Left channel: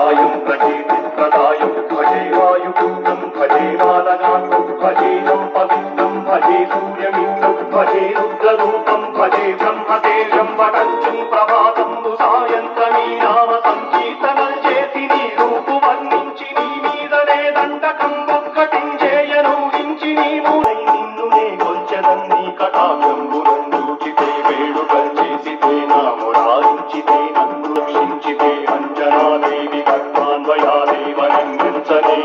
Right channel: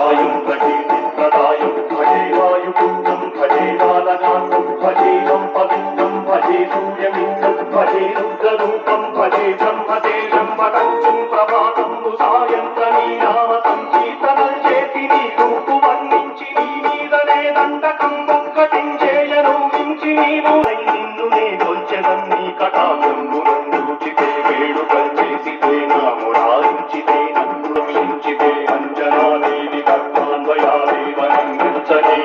भद्रकायं प्रकीर्तिप्रदायं भजे वायुपुत्रं भजे बालकान्तं भजेयं पवित्रं भजे सूर्यमित्रं भजे रुद्ररूपं भजे ब्रह्मतेजं वटञ्चं प्रभातं नु सायन्तनीनाम संकीर्तनं చేసి నీ రూపు వర్ణించి నీ మీదనే దండకం ఒక్కటించేయను వించి నీవు నిన్ను నే కొల్చెదన్ నీ కటాక్షంబులను రుచితే వేడుకలు చేసితే నామురారించితే నన్ను రక్షించితే అంజనాదేవి గర్భాన్వయాదేవనంచనే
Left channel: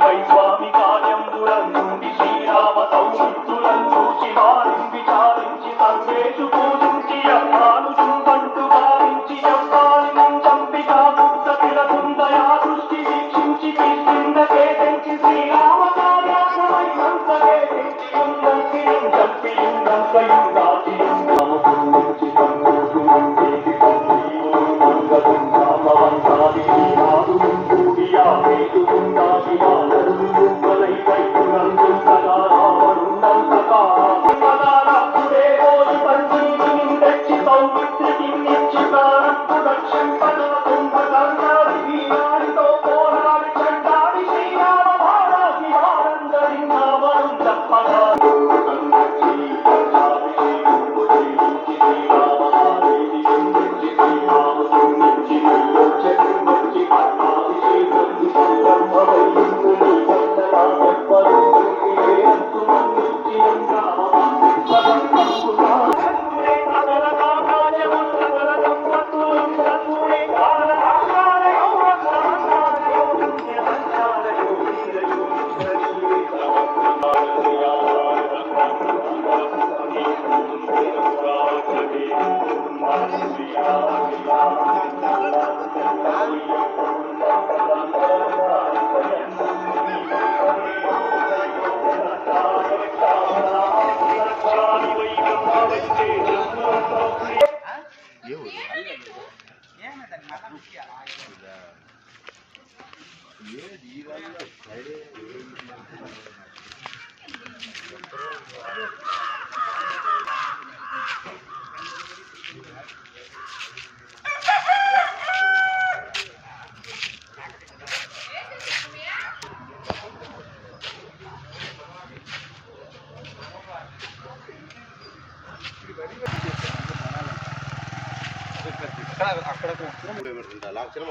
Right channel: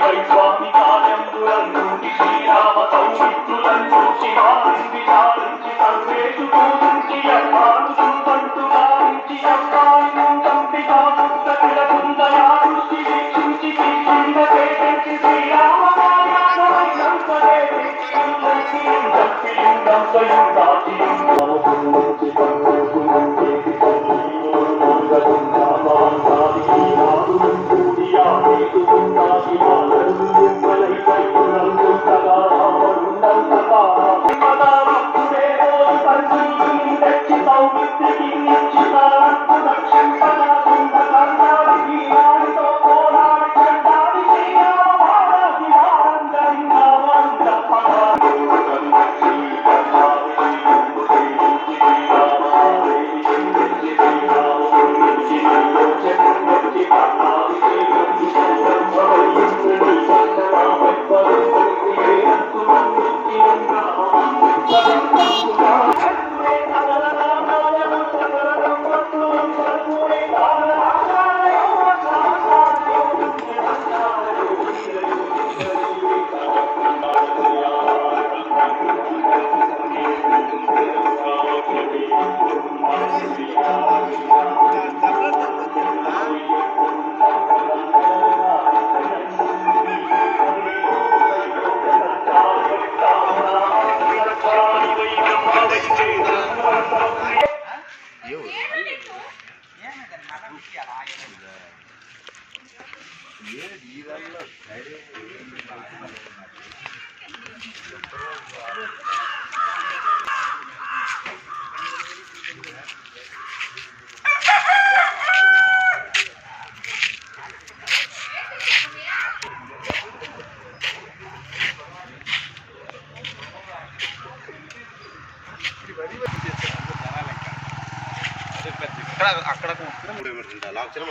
వై స్వామి కార్యంబులను శ్రీరామ సౌమిత్రులను చూసి వారింది సారించి సందేశు పూజించి అమ్మాను చూపంటు భావించి అమ్మాను చంపిగా పుస్తకుల కుందయా దృష్టి వీక్షించి కృష్ణుండకే పెంచి శ్రీరామ కార్యాలవై సంసదే అక్కడ లాక్చర్